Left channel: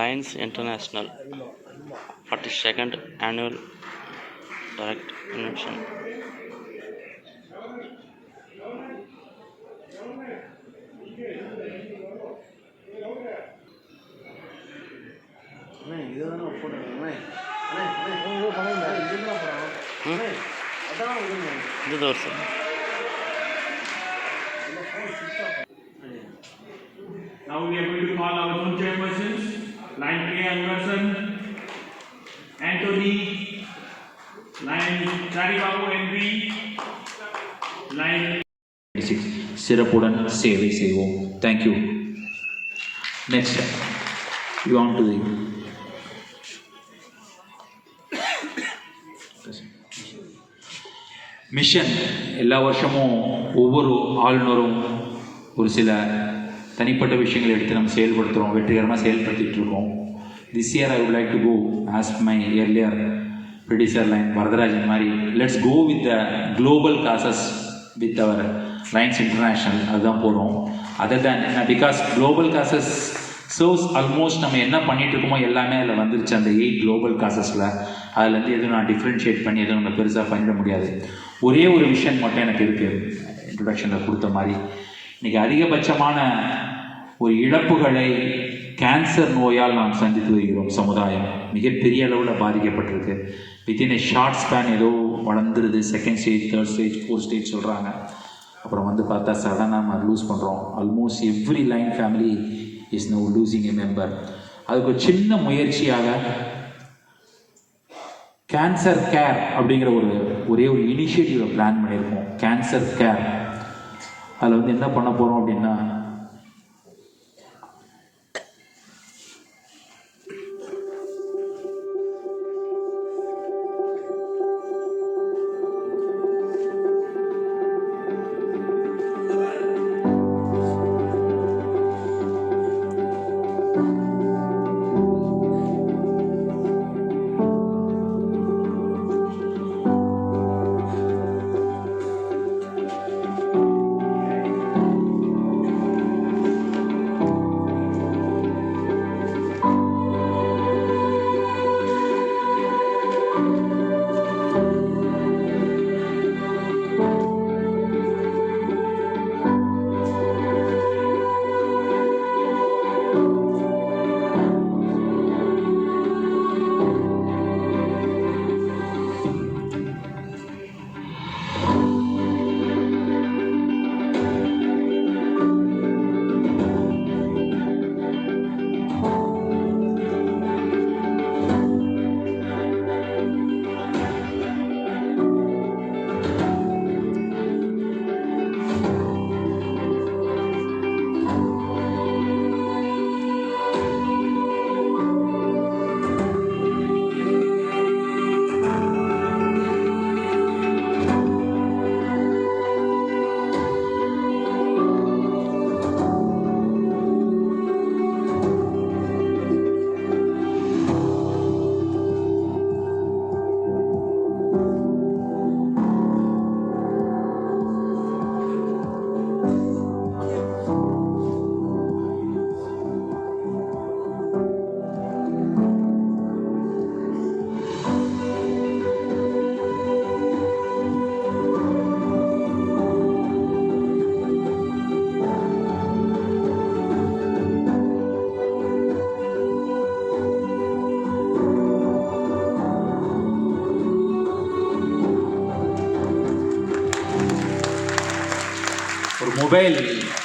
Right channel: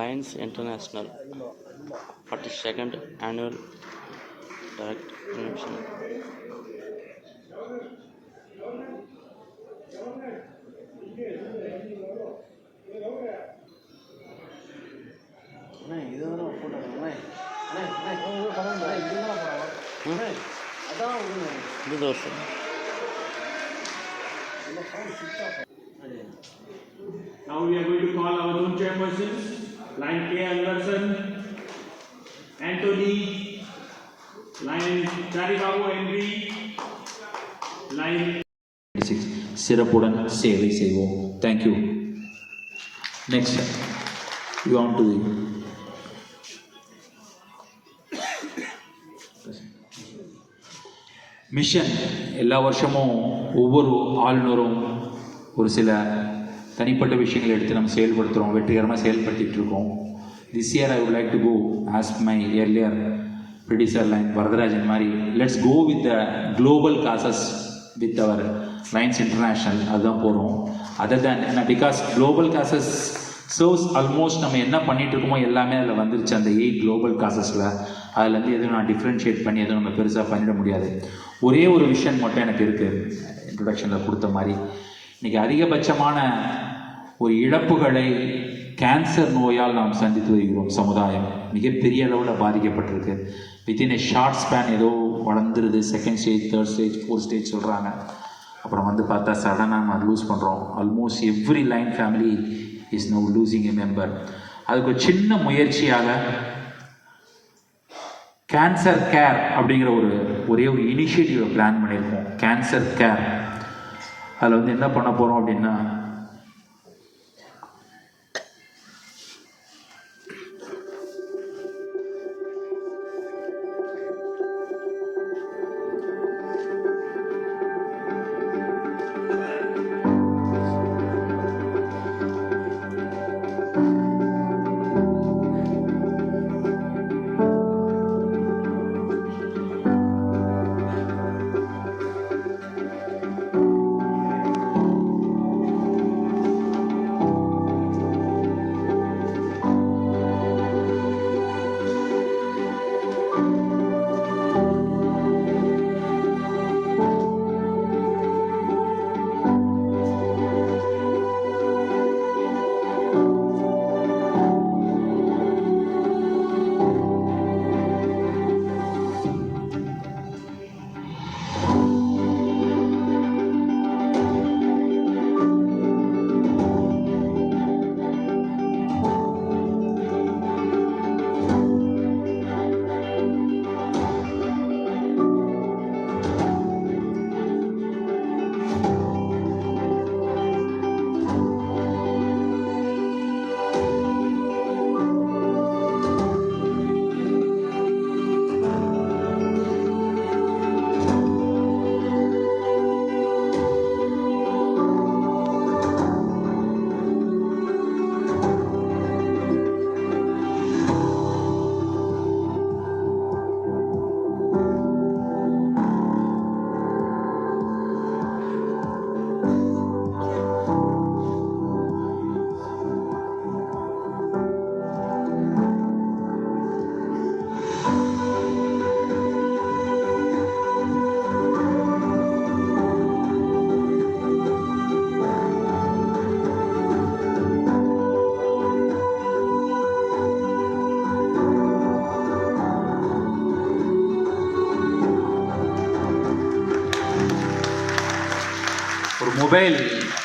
Lions International 42nd Annual Direct Convention. இது தோர்சு Now we are going to call our own chairpersons, line K. Anderson, Anthony, line Charibabu Henry, line சிறப்புடன் சேவை செய்வோம். Thank you. Next you on to the mission. எல்லா வருஷமும் ஒவ்வொரு ஆளுநரும் ஒரு சில தனிப்பட்ட விஷயங்களை எடுத்து நம்ம செயல்படுத்துகிறோம், வெற்றிகரமாக செயல்படுத்திகிட்டு இருக்கோம். This year I would like to go as my earlier producer Lion Varadarajan மாதிரி, let's go with the global causes with our Lions International. அதுதான் போகிறோம். Other than because global causes shows almost நம்ம என்ன பண்ணிகிட்டு இருக்கோமோ எல்லாமே அதில் வந்துருச்சு. அந்த 8 குளோபல் காசஸில் அதுலேருந்து எதுவும் நான் டிஃப்ரென்ஷியேட் பண்ணி எதுவும் நம்ம பெருசாக பண்ணிட முடியாது. ஒரே ஒரு விஷயம் மட்டும் எனக்கு இருக்குது, இன்ட்ரொடக்ஷனில் கொடுத்த மாதிரி. இன்றைக்கி அதிகபட்சமான ஒரு இழப்புகளை கேன்சர் நோயால் நாம் சந்தித்து வருகிறோம். சமுதாயம் மிகப்பெரிய அளவில் பாதிக்கப்பட்டிருக்கு. வித்தின் ஏ ஷார்ட் ஸ்பேன் ஏதோ வளர்ந்துருது. 2nd stage, 3rd stage, 4th stage சொல்கிறாங்க. அப்புறம் பார்த்தா சடனாக நம்ம லூஸ் பண்ணுறோம். Almost every line family is now losing a member. அதுக்கு ஒரு சின்ன முயற்சியாக கேன்சர் கேர் அப்படிங்கிற ஒரே ஒரு இனிஷியேட்டிவை பிளான் பண்ணியிருக்கோம். Cancer care. அதில் என்ன பண்ண போகிறோம் அப்படின்னா, ஒரு மொபைல்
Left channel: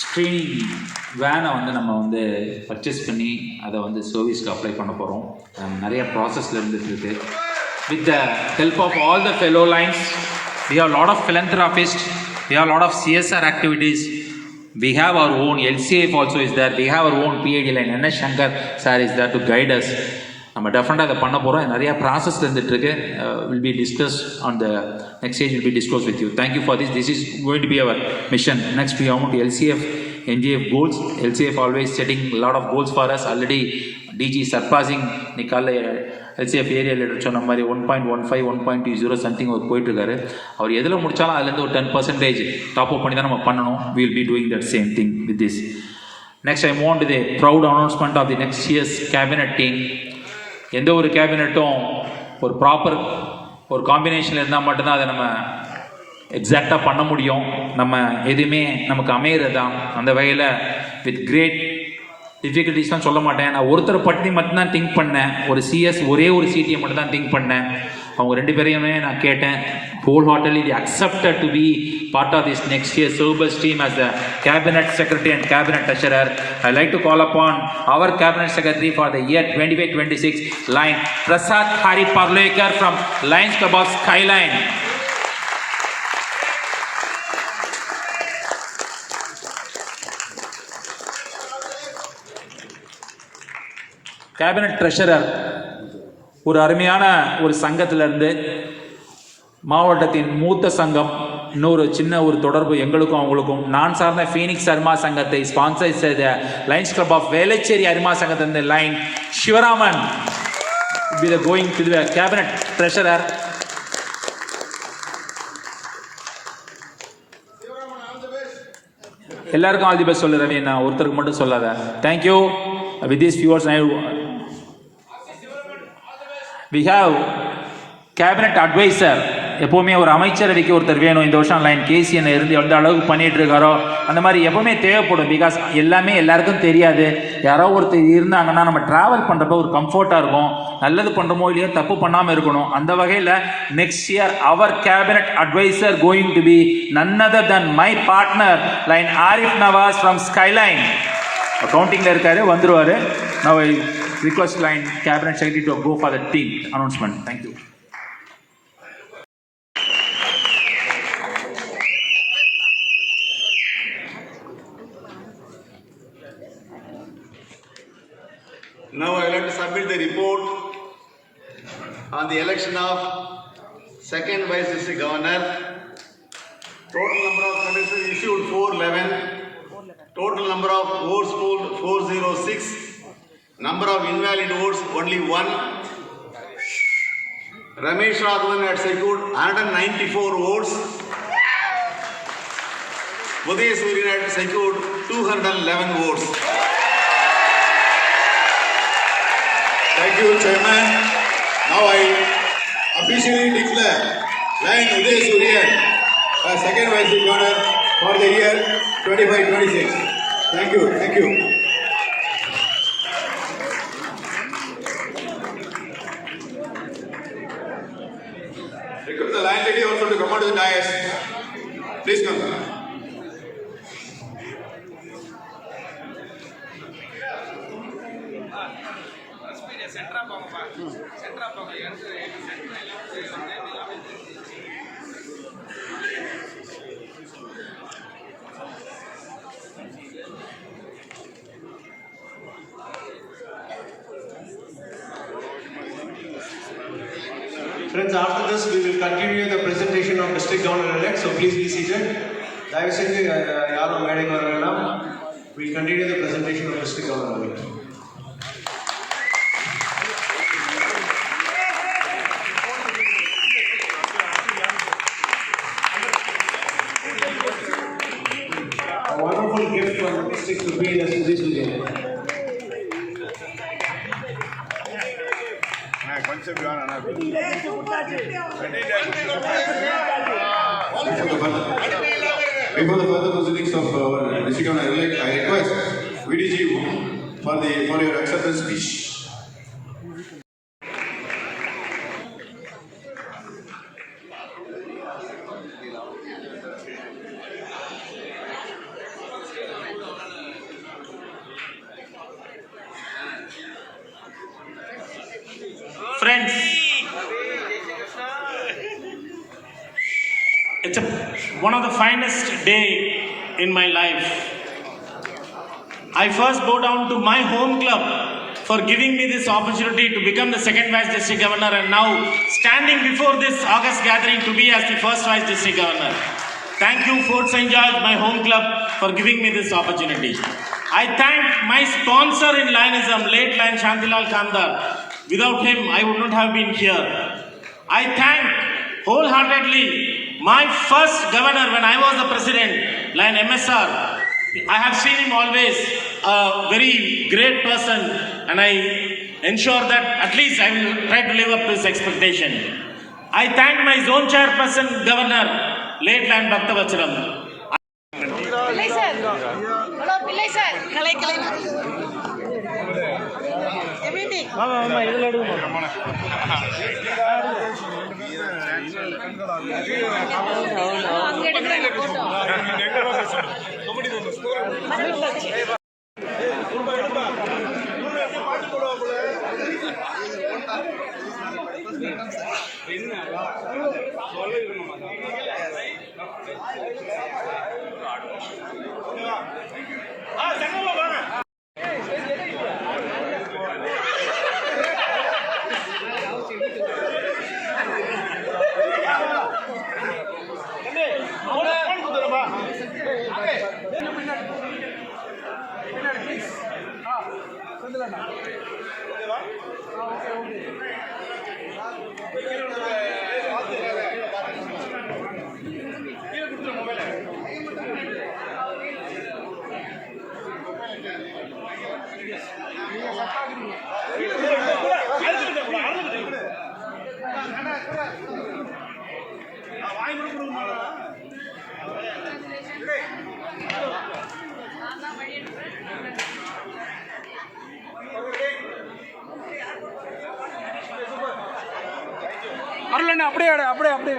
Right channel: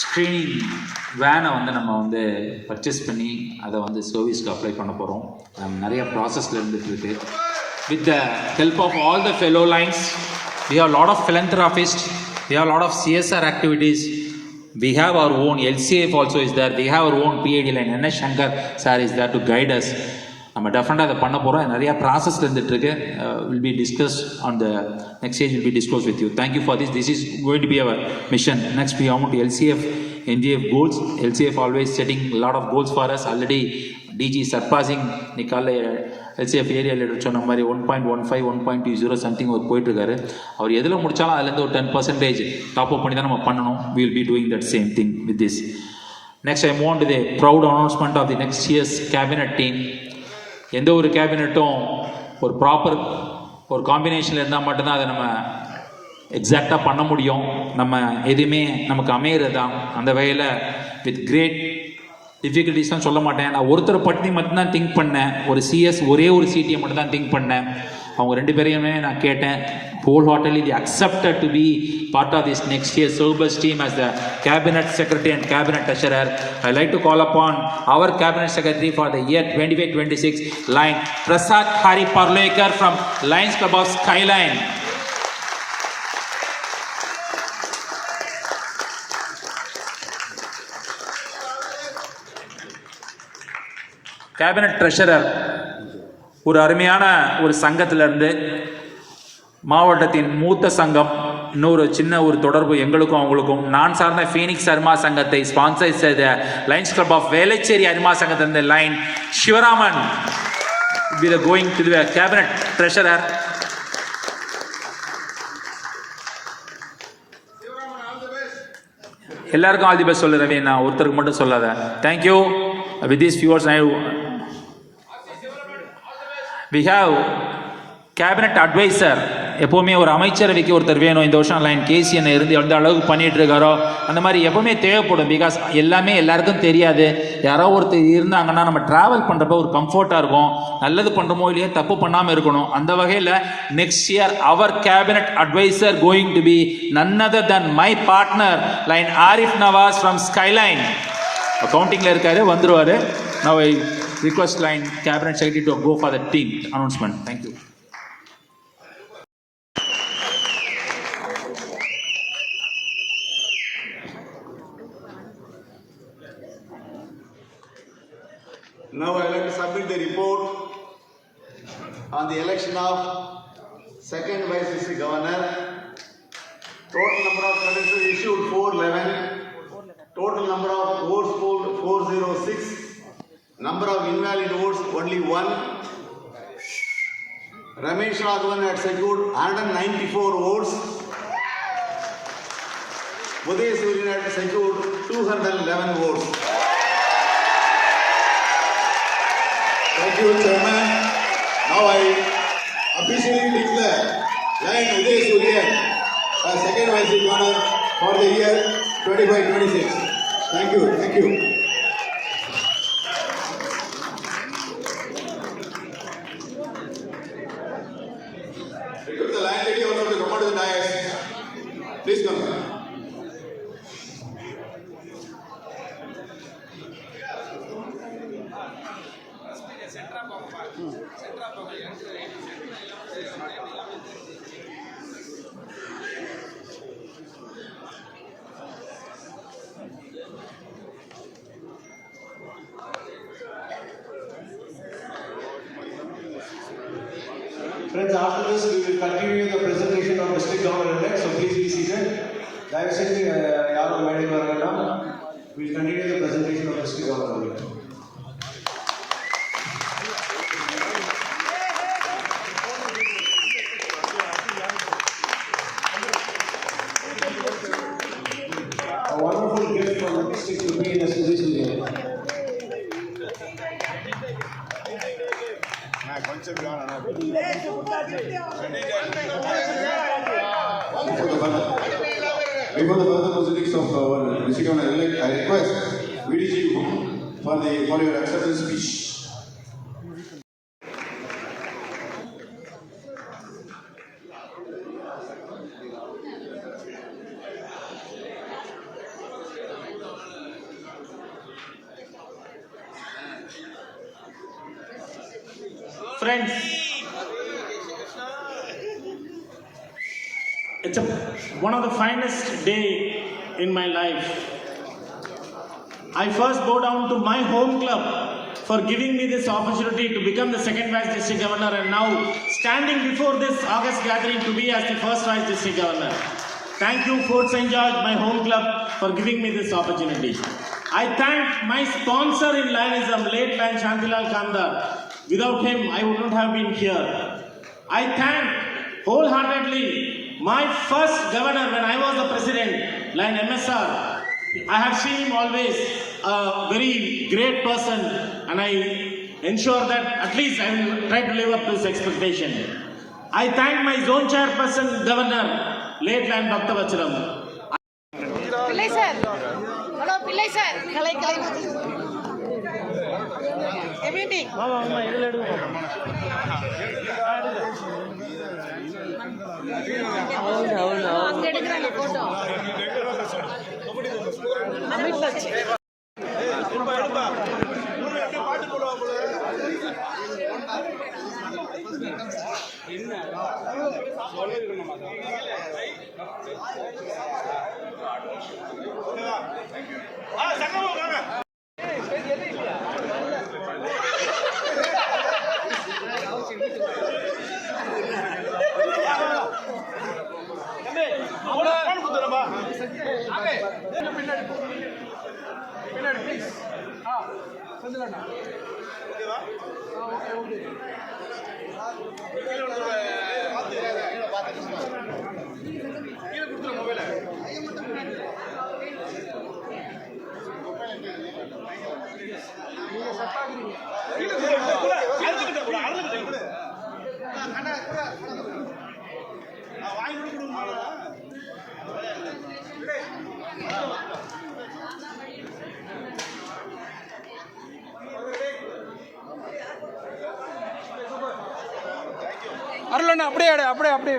ஸ்க்ரீனிங் வேனை நம்ம பர்ச்சேஸ் பண்ணி அதை சர்வீஸ்க்கு அப்ளை பண்ண போகிறோம். நிறைய ப்ராசஸில் இருந்துகிட்ருக்கு. With the help of all the fellow Lions, we have a lot of philanthropists, we have a lot of CSR activities, we have our own LCF also is there, we have our own PID line, N.S. Shankar sir is there to guide us. நம்ம டெஃபினட்டாக அதை பண்ண போகிறோம். நிறையா ப்ராசஸில் இருந்துகிட்ருக்கு. Will be discuss on the next stage, will be discuss with you. Thank you for this is going to be our mission. Next we have to LCF NGF goals. LCF always setting a lot of goals for us. Already DG surpassing நிக்கால LCF area leader சொன்ன மாதிரி 1.15 1.20 சம்திங் அவர் போயிட்டுருக்காரு. அவர் எதில் முடித்தாலும் அதுலேருந்து ஒரு 10% top up பண்ணி தான் நம்ம பண்ணணும். We will be doing that same thing with this. Next, I move on to the proud announcement of the next year's cabinet team. எந்த ஒரு கேபினட்டும் ஒரு ப்ராப்பர் ஒரு காம்பினேஷனில் இருந்தால் மட்டும்தான் அதை நம்ம எக்ஸாக்டாக பண்ண முடியும். நம்ம எதுவுமே நமக்கு அமையிறது தான். அந்த வகையில் வித் கிரேட் டிஃபிகல்ட்டிஸ்லாம் சொல்ல மாட்டேன். நான் ஒருத்தரை பற்றி மட்டும்தான் திங்க் பண்ணேன். ஒரு சிஎஸ் ஒரே ஒரு சிடியை மட்டும் தான் திங்க் பண்ணேன். அவங்க ரெண்டு பேரையுமே நான் கேட்டேன். wholeheartedly they accepted to be part of this next year's Sobers team as the cabinet secretary and cabinet treasurer. I like to call upon our cabinet secretary for the year 25-26 line Prasad Hari Parlekar from Lions Club of Skyline. Cabinet treasurer ஒரு அருமையான ஒரு சங்கத்திலிருந்து மாவட்டத்தின் மூத்த சங்கம் இன்னொரு சின்ன ஒரு தொடர்பு எங்களுக்கும் அவங்களுக்கும் நான் சார்ந்த ஃபீனிக்ஸ் அருமா சங்கத்தை ஸ்பான்சர் செய்த லைன்ஸ் கிளப் ஆஃப் வேளச்சேரி அருமா சங்கத்தின் லைன் Sivaraman be the going to the cabinet treasurer. எல்லாருக்கும் ஆல் தி பெஸ்ட் சொல்லு ரவி, நான் ஒருத்தருக்கு மட்டும் சொல்லாத. Thank you. With these few words, we have cabinet advisor. எப்போவுமே ஒரு அமைச்சர் அடிக்க ஒருத்தர் வேணும். இந்த வருஷம் லைன் கேசிஎன் இருந்து எந்த அளவுக்கு பண்ணிகிட்டு இருக்காரோ அந்த மாதிரி எப்போவுமே தேவைப்படும். பிகாஸ் எல்லாமே எல்லாருக்கும் தெரியாது. யாரோ ஒருத்தர் இருந்தாங்கன்னா நம்ம ட்ராவல் பண்ணுறப்ப ஒரு கம்ஃபர்ட்டாக இருக்கும். நல்லது பண்ணுறோமோ இல்லையோ தப்பு பண்ணாமல் இருக்கணும். அந்த வகையில் next year our cabinet adviser going to be none other than my partner Lion Arif Nawaz from Skyline. அக்கௌண்டிங்கில் இருக்காரு, வந்துருவார். Now I request line cabinet secretary to go for the team announcement. Thank you. Now I would like to submit the report on the election of second vice district governor. Total number of candidates issued 411. Total number of votes polled 406. Number of invalid votes only 1. Ramesh Raghavan had secured 194 votes. Uday Suryan had secured 211 votes. Thank you, Chairman. Now I officially declare line Uday Suryan as second vice governor for the year 25-26. Thank you. Thank you. Request the line lady also to come out to the dais. Please come. Friends, after this we will continue the presentation of district governor-elect, so please be seated. Dayavaseythu yarum medaiku varavelam. We will continue the presentation of district governor-elect. A wonderful gift from the district to be in the Uday Suryan. Before the further proceedings of our district governor-elect, I request VDG for your acceptance speech. Friends, it's one of the finest day in my life. I first bow down to my home club for giving me this opportunity to become the second vice district governor and now standing before this August gathering to be as the first vice district governor. Thank you, Fort St. George, my home club, for giving me this opportunity. I thank my sponsor in Lionism, late Lion Shantilal Kamdar. Without him, I would not have been here. I thank wholeheartedly my first governor when I was the president, Lion MSR. I have seen him always a very great person, and I ensure that at least I will try to live up to this expectation. I thank my zone chairperson, Governor, late Land Bhaktavacharam. பிள்ளை sir hello பிள்ளை சார் கலை எபிபி எடுக்கிறேன் போட்டோ அருளண்ணா அப்படியே விடு அப்படியே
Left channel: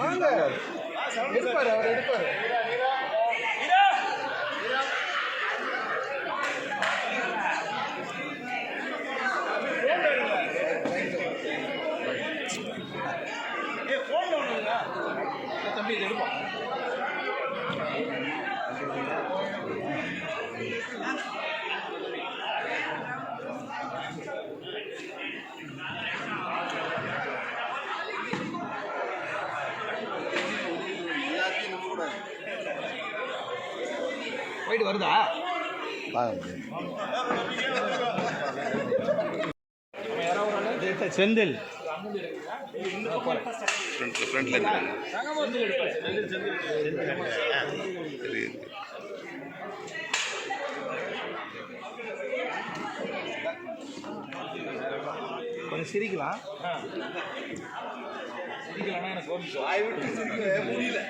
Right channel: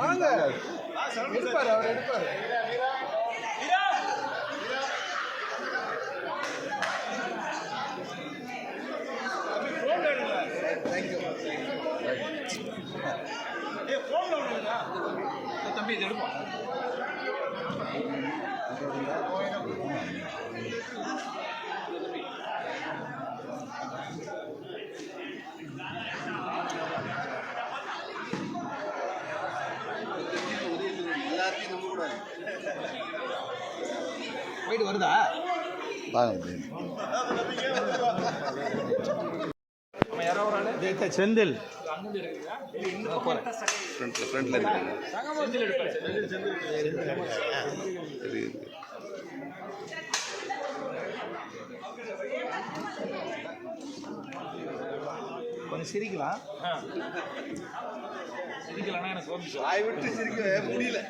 வாங்க எடுப்பாரு அவர் எடுப்பாரு தம்பி இது எடுப்போம் வீடு வருதா செந்தில் கொஞ்சம் சிரிக்கலாம் சிரிக்கலன்னா எனக்கு வாய் விட்டு சிரிக்க முடியல